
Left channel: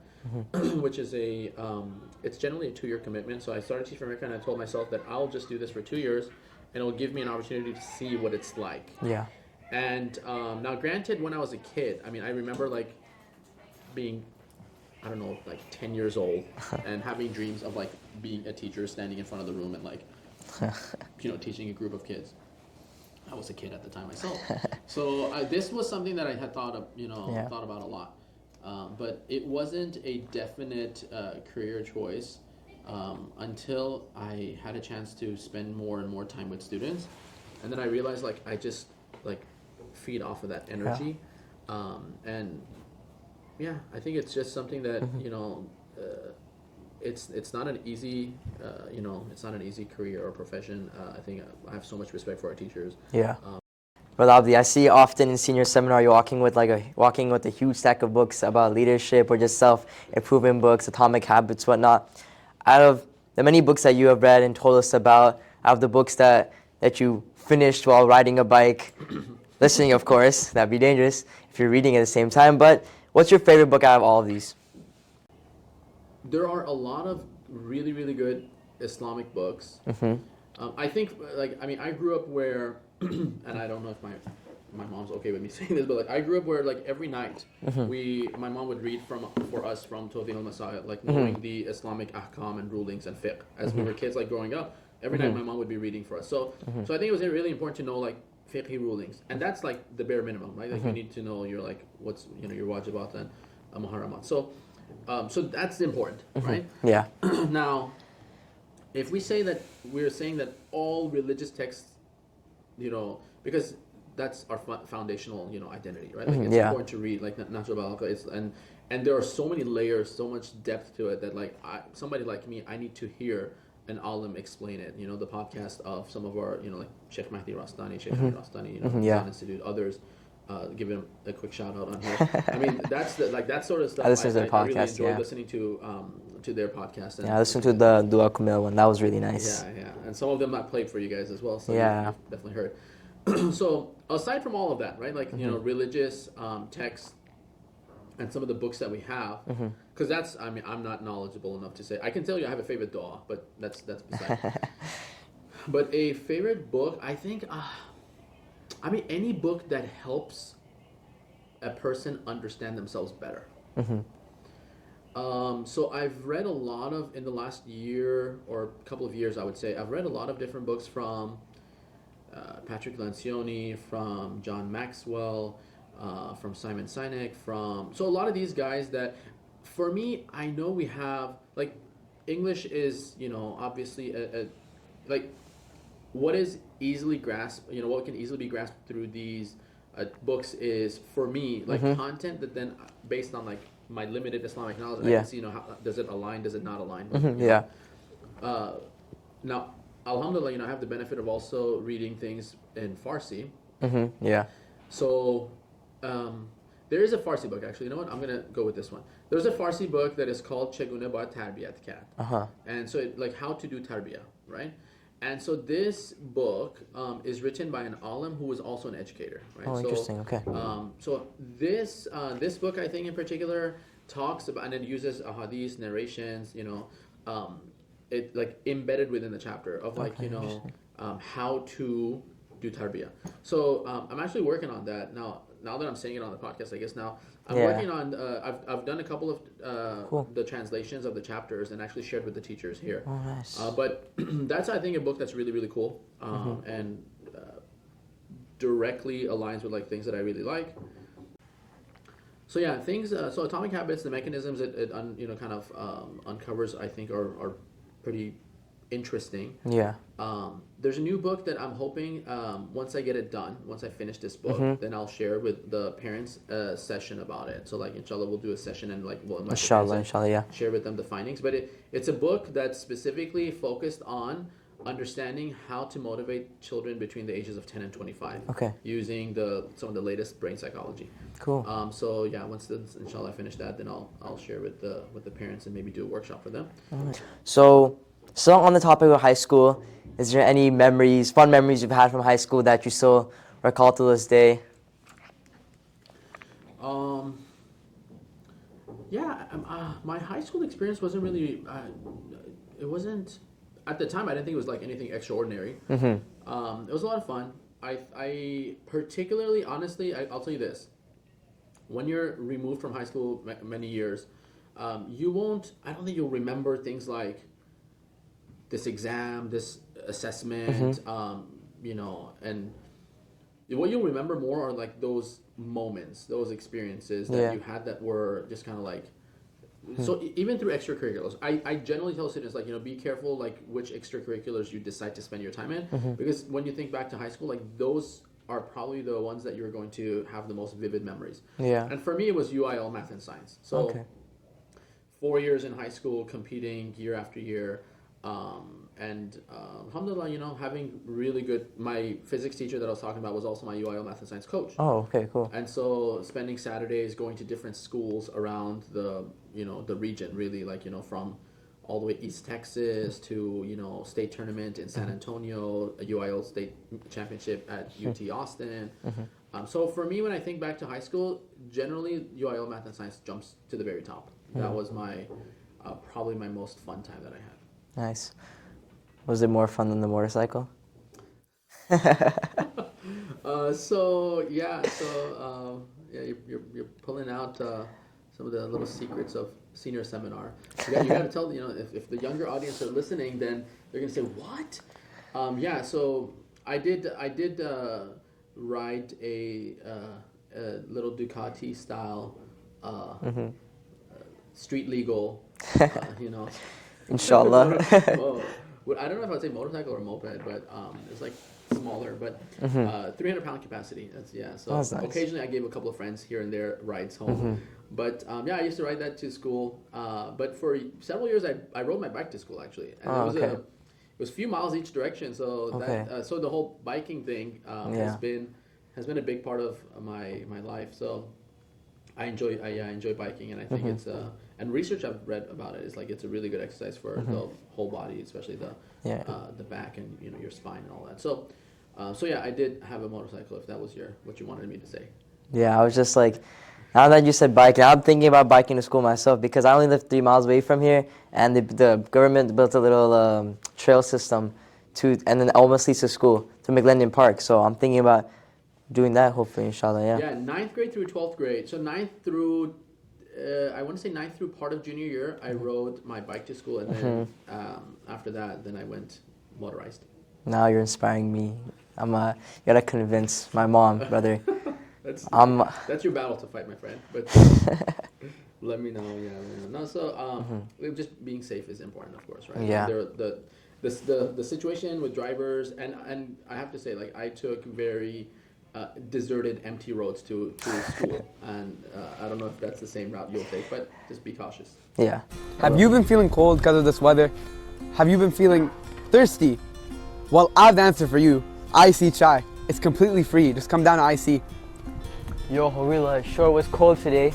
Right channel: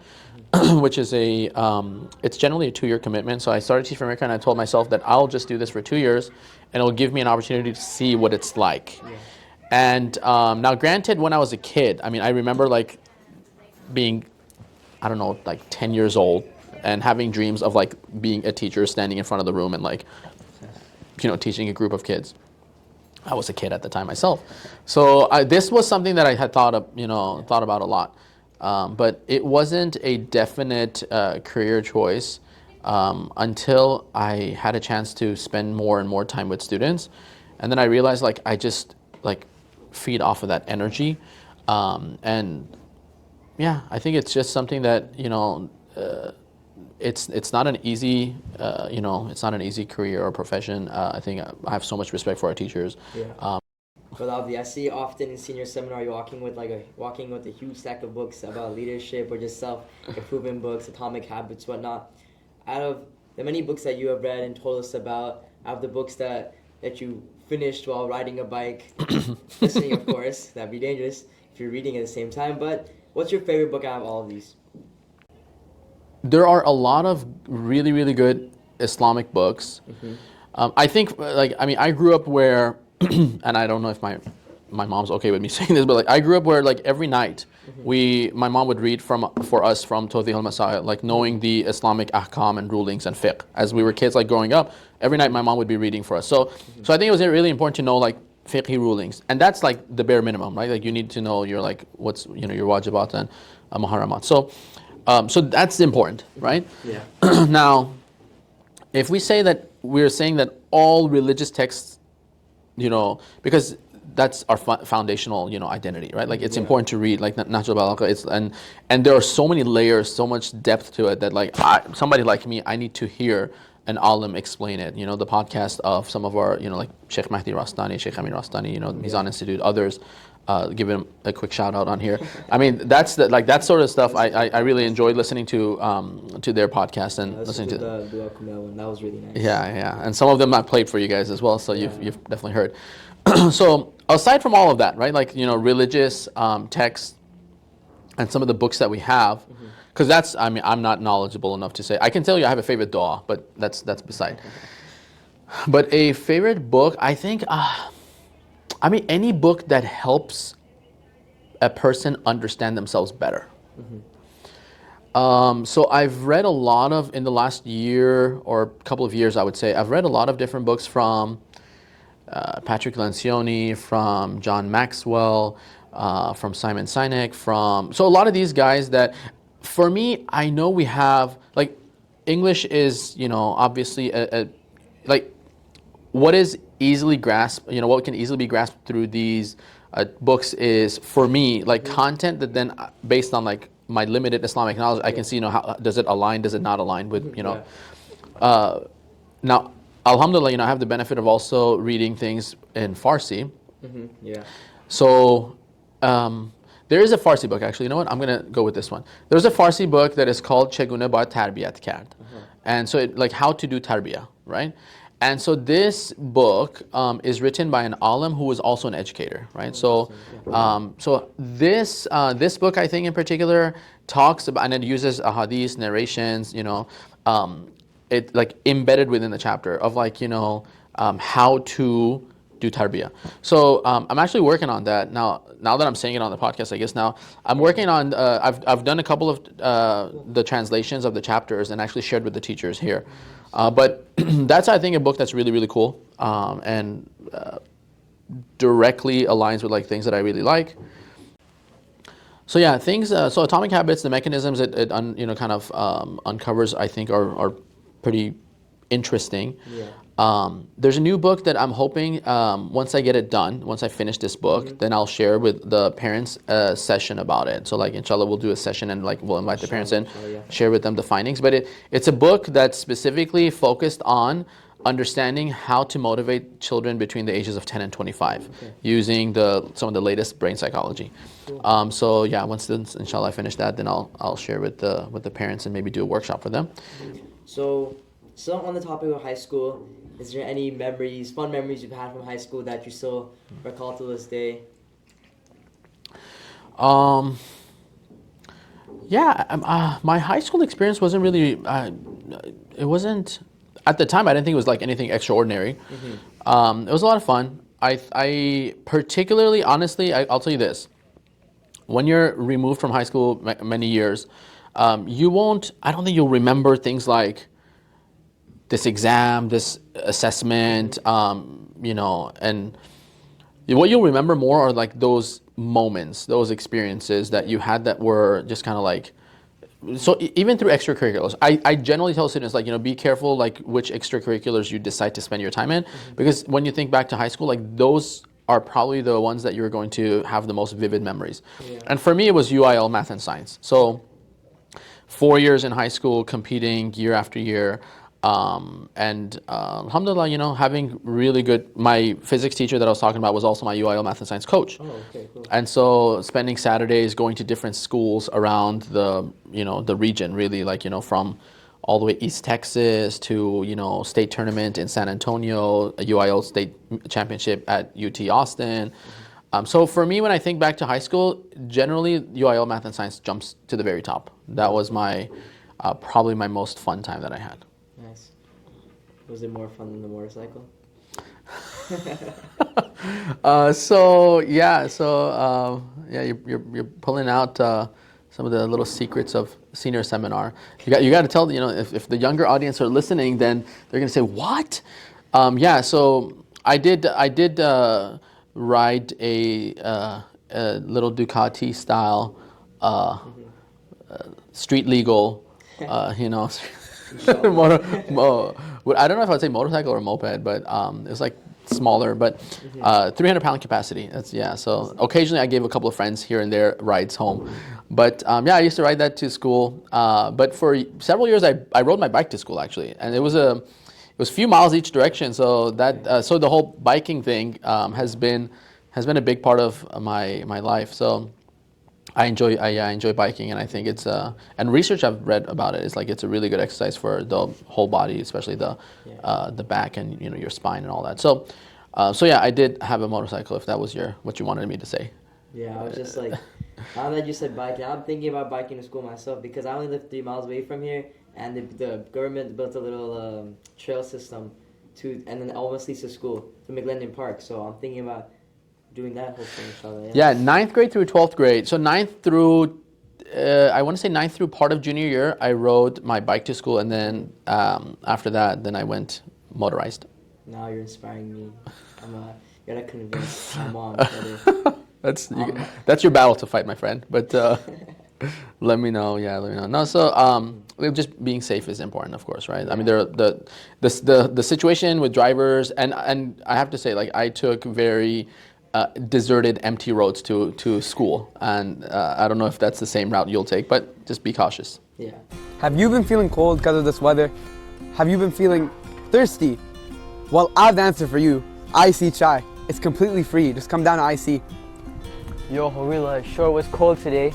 which is it's generally a 2-year commitment. So I started Teach for America, and I told myself that I'll just do this for 2 years, and it'll give me an opportunity to see what it's like. Yeah. And now, granted, when I was a kid, I remember like being, I don't know, like 10 years old, and having dreams of like being a teacher, standing in front of the room and like, teaching a group of kids. I was a kid at the time myself, so this was something that I had thought about a lot, but it wasn't a definite career choice until I had a chance to spend more and more time with students, and then I realized like I just like feed off of that energy, and I think it's just something that it's not an easy it's not an easy career or profession. I think I have so much respect for our teachers. But Abdi, I see often in senior seminar you're walking with a huge stack of books about leadership or just self-improvement books, atomic habits, whatnot. Out of the many books that you have read and told us about, out of the books that you finished while riding a bike, listening, of course, that'd be dangerous if you're reading at the same time. But what's your favorite book out of all of these? There are a lot of really, really good Islamic books. I think, I grew up where, and I don't know if my mom's okay with me saying this, but like I grew up where like every night my mom would read for us from Tawdih al-Masail, like knowing the Islamic ahkam and rulings and fiqh. As we were kids, like growing up, every night my mom would be reading for us. So I think it was really important to know like fiqhi rulings, and that's like the bare minimum, right? Like you need to know your like what's your wajibat and muharramat. So that's important, right? Yeah. Now, if we say that we're saying that all religious texts, because that's our foundational, identity, right? Like it's Yeah. important to read, like Natural Balaka. And there are so many layers, so much depth to it that like somebody like me, I need to hear an alim explain it. The podcast of some of our, like Sheikh Mahdi Rastani, Sheikh Amir Rastani, Mizan Institute, others. Give him a quick shout out on here. I mean, that's that sort of stuff. I really enjoyed listening to their podcast and listen to the Dua Kumil one. That was really nice. Yeah, and some of them I played for you guys as well, so you've definitely heard. So aside from all of that, right, like religious texts and some of the books that we have, because I'm not knowledgeable enough to say. I can tell you I have a favorite dua, but that's beside. But a favorite book, I think. Any book that helps a person understand themselves better. So I've read a lot of, in the last year or couple of years, I would say, I've read a lot of different books from Patrick Lencioni, from John Maxwell, from Simon Sinek, so a lot of these guys that, for me, I know we have, like, English is, obviously, like, what is easily grasped, what can easily be grasped through these books is, for me, like content that then, based on like my limited Islamic knowledge, I can see, how does it align, does it not align with, now, alhamdulillah, I have the benefit of also reading things in Farsi. So, there is a Farsi book, actually. You know what? I'm going to go with this one. There's a Farsi book that is called Chegune Baid Tarbiyat Kard. And so, like, how to do tarbiyah, right? And so this book is written by an alim who is also an educator, right? So this book, I think in particular, talks about, and it uses ahadith, narrations, it like embedded within the chapter of like, how to do tarbiyah. So I'm actually working on that now. Now that I'm saying it on the podcast, I guess now I'm working on. I've done a couple of the translations of the chapters and actually shared with the teachers here. But that's, I think, a book that's really, really cool and directly aligns with like things that I really like. So yeah, things. So Atomic Habits, the mechanisms it kind of uncovers, I think, are pretty interesting. There's a new book that I'm hoping, once I get it done, once I finish this book, then I'll share with the parents a session about it. So like, inshallah, we'll do a session and like we'll invite the parents in, share with them the findings. But it's a book that's specifically focused on understanding how to motivate children between the ages of 10 and 25 using some of the latest brain psychology. So yeah, once inshallah I finish that, then I'll share with the parents and maybe do a workshop for them. So on the topic of high school, is there any fun memories you've had from high school that you still recall to this day? My high school experience wasn't really, it wasn't, at the time I didn't think it was like anything extraordinary. It was a lot of fun. I particularly, honestly, I'll tell you this. When you're removed from high school many years, I don't think you'll remember things like this exam, this assessment, and what you'll remember more are like those moments, those experiences that you had that were just kind of like, so even through extracurriculars, I generally tell students like, be careful like which extracurriculars you decide to spend your time in, because when you think back to high school, like those are probably the ones that you're going to have the most vivid memories. And for me, it was UIL math and science. So 4 years in high school, competing year after year. Alhamdulillah, having really good, my physics teacher that I was talking about was also my UIL math and science coach. Oh, okay, cool. And so spending Saturdays going to different schools around the region, really, like, from all the way East Texas to, state tournament in San Antonio, a UIL state championship at UT Austin. So for me, when I think back to high school, generally UIL math and science jumps to the very top. That was probably my most fun time that I had. Nice. Was it more fun than the motorcycle? You're pulling out some of the little secrets of senior seminar. You got to tell, if the younger audience are listening, then they're going to say, what? So I did ride a little Ducati style street legal, Inshallah. I don't know if I'd say motorcycle or moped, but it's like smaller, but 300-pound capacity. That's yeah. So occasionally I gave a couple of friends here and there rides home, but yeah, I used to ride that to school. But for several years I rode my bike to school actually, and it was a few miles each direction. So that so the whole biking thing has been a big part of my life. So I enjoy biking, and I think it's and research I've read about it is like it's a really good exercise for the whole body, especially the back and your spine and all that. So so yeah, I did have a motorcycle. If that was what you wanted me to say. Yeah, I was just like, now that you said biking, I'm thinking about biking to school myself because I only live 3 miles away from here, and the government built a little trail system and then almost leads to school to McLendon Park. So I'm thinking about doing that hopefully, inshallah. Yeah, 9th grade through 12th grade. So 9th through, I want to say 9th through part of junior year, I rode my bike to school, and then after that, then I went motorized. Now you're inspiring me. You gotta convince my mom, brother. That's your battle to fight, my friend. But let me know. Yeah, let me know. No, so just being safe is important, of course, right? Yeah. I mean, the situation with drivers, and I have to say, like, I took very deserted, empty roads to school, and I don't know if that's the same route you'll take, but just be cautious. Yeah. Have you been feeling cold because of this weather? Have you been feeling thirsty? Well, I have the answer for you. IC Chai. It's completely free. Just come down to IC. Yo, Harila, it sure was cold today.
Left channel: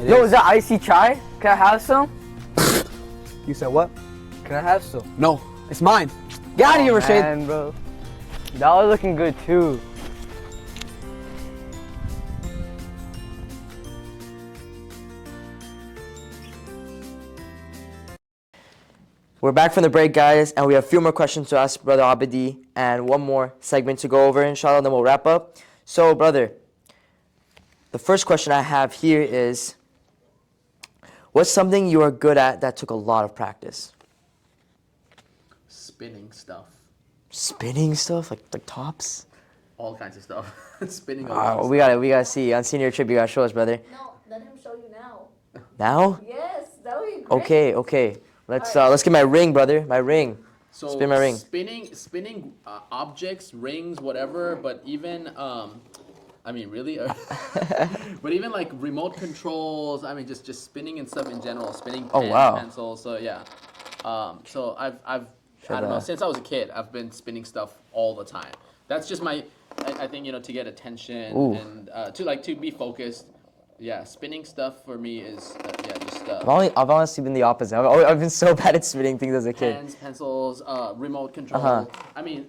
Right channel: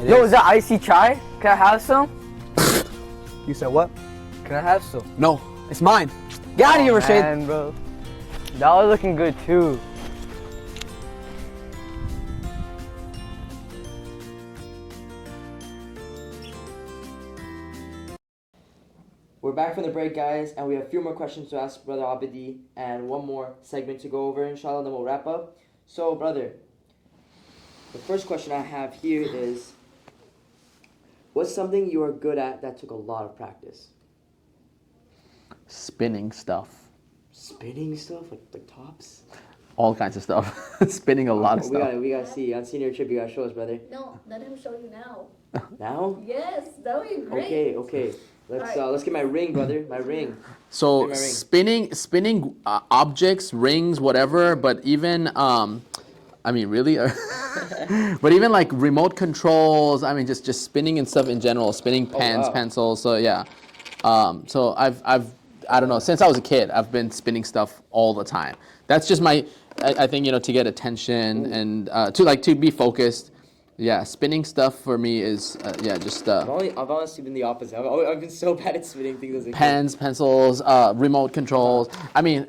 Is that icy chai? Can I have some? You said what? Can I have some? No, it's mine. Get out of here, Rashid. Man, bro. That was looking good too. We're back from the break, guys, and we have a few more questions to ask Brother Abedi and one more segment to go over, inshallah, then we'll wrap up. So, brother, the first question I have here is, what's something you are good at that took a lot of practice? Spinning stuff. Spinning stuff? Like tops? All kinds of stuff. Spinning a lot of We stuff. gotta see. On senior trip, you gotta show us, brother. No, let him show you now. Now? Yes, that would be great. Okay. Let's get my ring, brother. My ring. So Spin my ring. spinning objects, rings, whatever, but even I mean, really, but even like remote controls. I mean, just spinning and stuff in general, spinning pens, wow. pencils. So yeah, so I don't know, since I was a kid, I've been spinning stuff all the time. That's just I think to get attention and to be focused. Yeah, spinning stuff for me is just I've honestly been the opposite. I've been so bad at spinning things as a kid. pens, pencils, remote controls. I mean,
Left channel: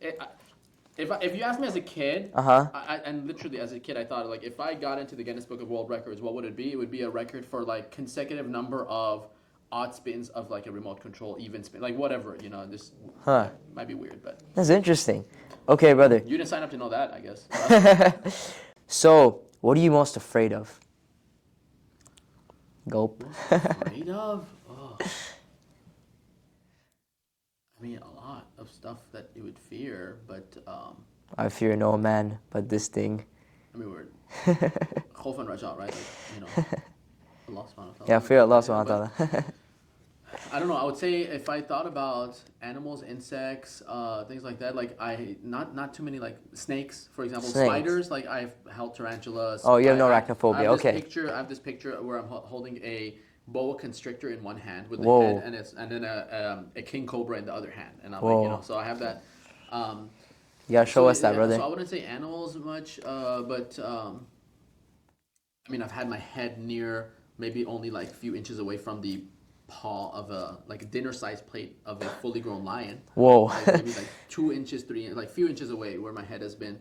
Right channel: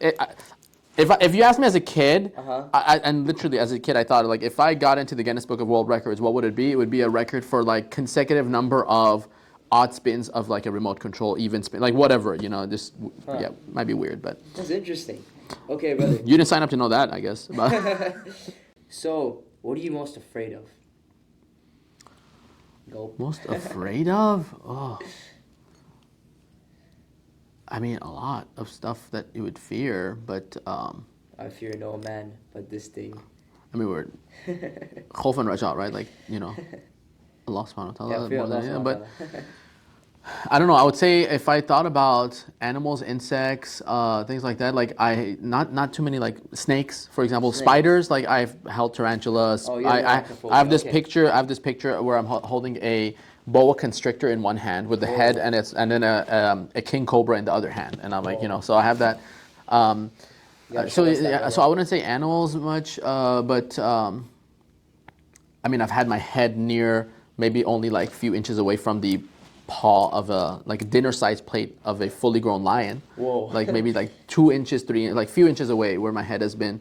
if you ask me as a kid, and literally as a kid, I thought like if I got into the Guinness Book of World Records, what would it be? It would be a record for like consecutive number of odd spins of like a remote control, even spin, like whatever, just might be weird, but That's interesting. Okay, brother. you didn't sign up to know that, I guess. So, what are you most afraid of? Gulp. Most afraid of? Oh. I mean, a lot of stuff that you would fear, but I fear no man but this thing. I mean, we're khawf and raja, right? Like, Allah subhanahu wa ta'ala. Yeah, fear Allah subhanahu wa But ta'ala. I don't know. I would say if I thought about animals, insects, things like that, like not too many, like snakes, for example, Snakes. spiders. Like I've held tarantulas. Oh, you have no I arachnophobia, have this okay. picture. I have this picture where I'm holding a boa constrictor in one hand with the Whoa. head, and then a king cobra in the other hand, and I'm like, so I have that. You gotta show us that, brother. So I wouldn't say animals much, but I mean, I've had my head near maybe only like a few inches away from the paw of a dinner-sized plate of a fully grown lion. Whoa. Like maybe like 2 inches, 3 inches, like few inches away where my head has been.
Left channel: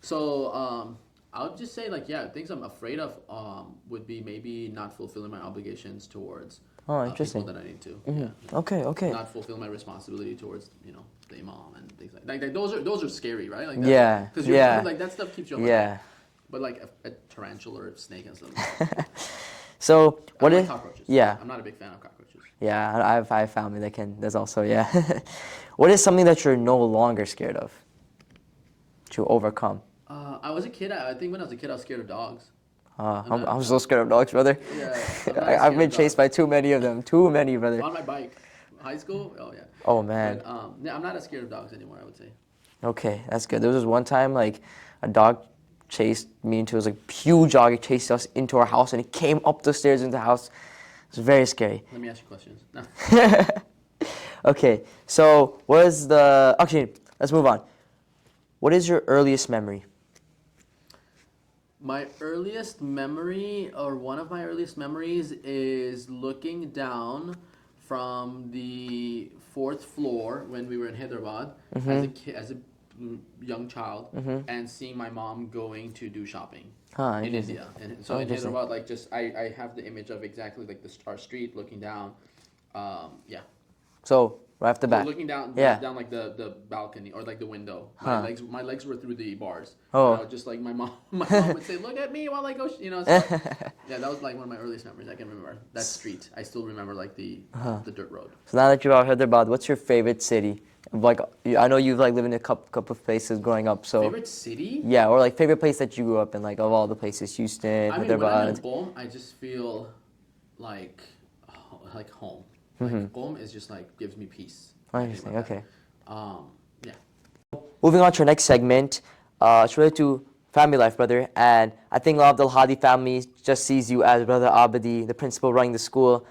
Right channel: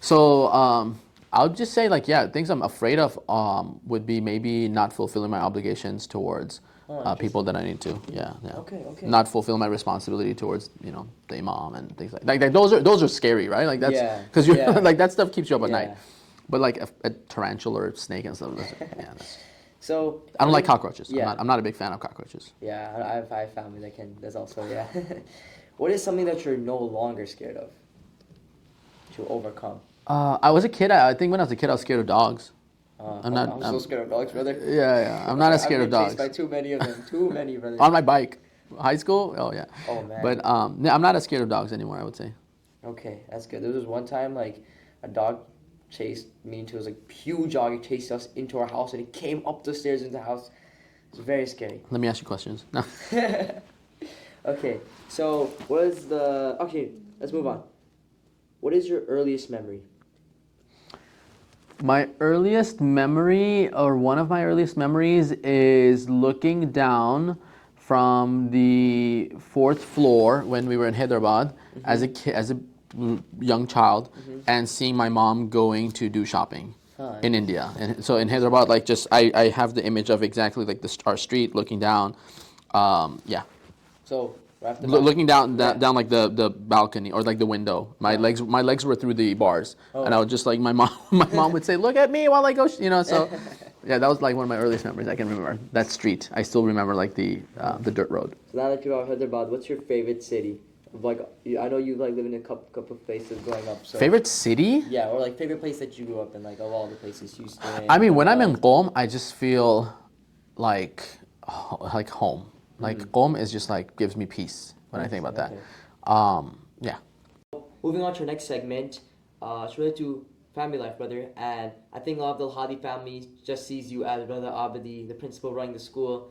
So I would just say things I'm afraid of would be maybe not fulfilling my obligations towards people that I need to. Yeah. Okay. Not fulfill my responsibility towards the imam and things like that. Those are scary, right? Like that's because you're like that stuff keeps you up at night. But like a tarantula or a snake and stuff. Yeah. So I don't like cockroaches. Yeah. I'm not a big fan of cockroaches. Yeah, I have family that can. There's also What is something that you're no longer scared of? To overcome. I was a kid. I think when I was a kid, I was scared of dogs. I'm so scared of dogs, brother. Yeah. I'm not as scared I've been of dogs. chased by too many of them. Too many, brother. On my bike. High school? Oh, yeah. Oh, man. But I'm not as scared of dogs anymore, I would say. Okay, that's good. There was this one time, like, a dog chased me into, it was like huge dog. It chased us into our house, and it came up the stairs into the house. It was very scary. Let me ask you questions. No. Okay, so what is the, actually, let's move on. What is your earliest memory? My earliest memory, or one of my earliest memories, is looking down from the fourth floor when we were in Hyderabad as a kid, as a young child, and seeing my mom going to do shopping in India. And so in Hyderabad, like just I have the image of exactly like our street looking down. Yeah. So right off the bat. Looking down, Yeah. down like the balcony or like the window. My legs were through the bars, and I would just like my mom would say, "Look at me while I go," you know. So yeah, that was like one of my earliest memories I can remember. That street, I still remember like the dirt road. So now that you're out Hyderabad, what's your favorite city? Like, I know you've like lived in a couple of places growing up. So Favorite city? Yeah, or like favorite place that you grew up in, like of all the places, Houston. I mean, when I'm in Hyderabad. Qom, I just feel like home. Like Qom is just like gives me peace when I think about that. Okay. Yeah. Moving on to our next segment, it's related to family life, brother. And I think a lot of the Al-Hadi family just sees you as Brother Abedi, the principal running the school.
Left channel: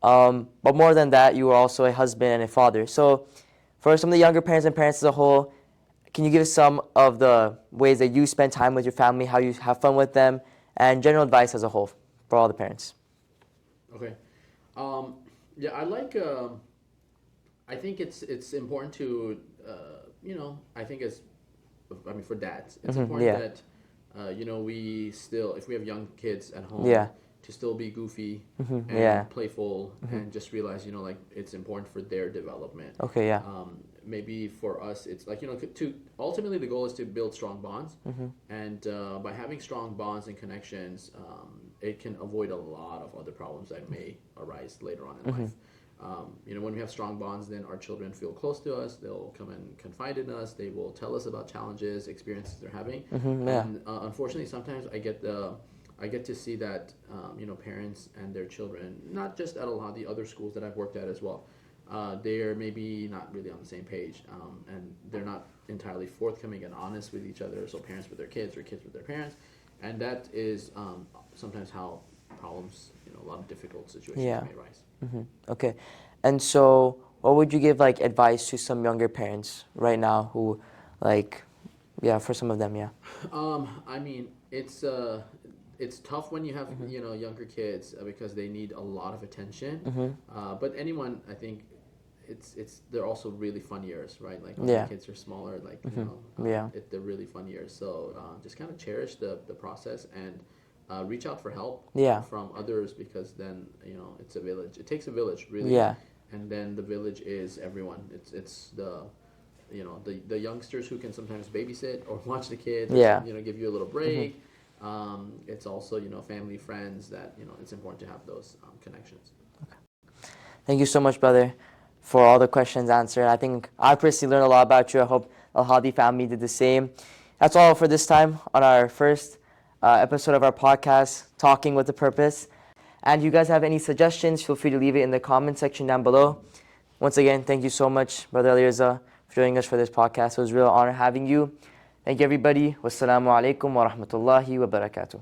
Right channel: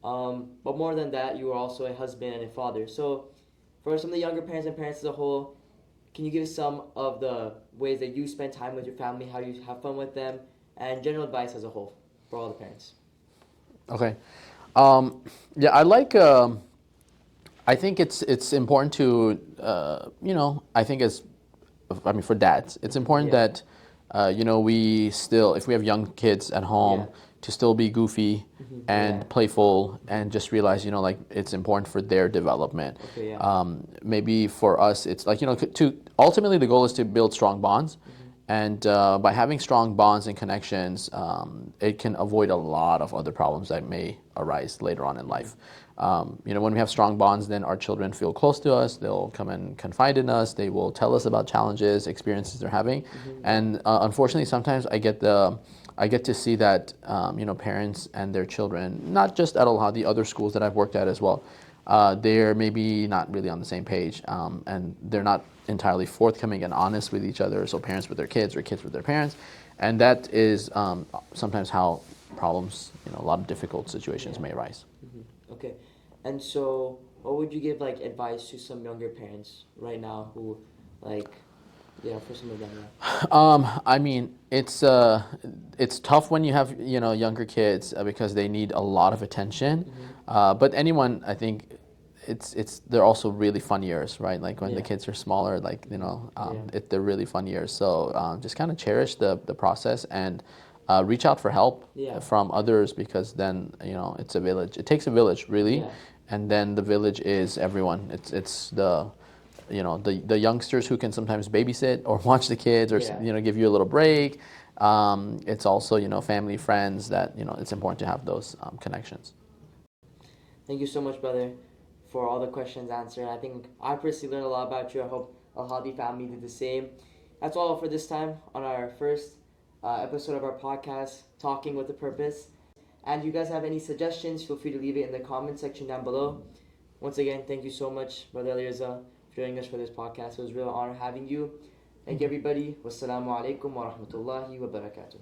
But more than that, you are also a husband and a father. So for some of the younger parents and parents as a whole, can you give us some of the ways that you spend time with your family, how you have fun with them, and general advice as a whole for all the parents? Okay. Yeah, I like. I think it's important to I think for dads, it's important yeah. that we still, if we have young kids at home, Yeah. to still be goofy and Yeah. playful and just realize like it's important for their development. Okay, yeah. Maybe for us it's like to ultimately the goal is to build strong bonds, and by having strong bonds and connections, it can avoid a lot of other problems that may arise later on in life. When we have strong bonds, then our children feel close to us. They'll come and confide in us. They will tell us about challenges, experiences they're having. And unfortunately, sometimes I get to see that parents and their children, not just at Al-Hadi, other schools that I've worked at as well, they're maybe not really on the same page, and they're not entirely forthcoming and honest with each other. So parents with their kids or kids with their parents, and that is sometimes how problems, a lot of difficult situations may arise. Okay. And so what would you give like advice to some younger parents right now who for some of them, I mean, it's tough when you have younger kids because they need a lot of attention. But anyone, I think, they're also really fun years, right? Like when the kids are smaller, like they're really fun years. So just kind of cherish the process and reach out for help from others, because then it's a village. It takes a village, really. Yeah. And then the village is everyone. It's the the youngsters who can sometimes babysit or watch the kids or give you a little break. It's also family, friends that it's important to have those connections. Thank you so much, brother, for all the questions answered. I think I personally learned a lot about you. I hope Al-Hadi family did the same. That's all for this time on our first episode of our podcast, Talking with a Purpose. And if you guys have any suggestions, feel free to leave it in the comment section down below. Once again, thank you so much, Brother Alireza, for joining us for this podcast. It was a real honor having you. Thank you, everybody. Wassalamu alaikum wa rahmatullahi wa barakatuh.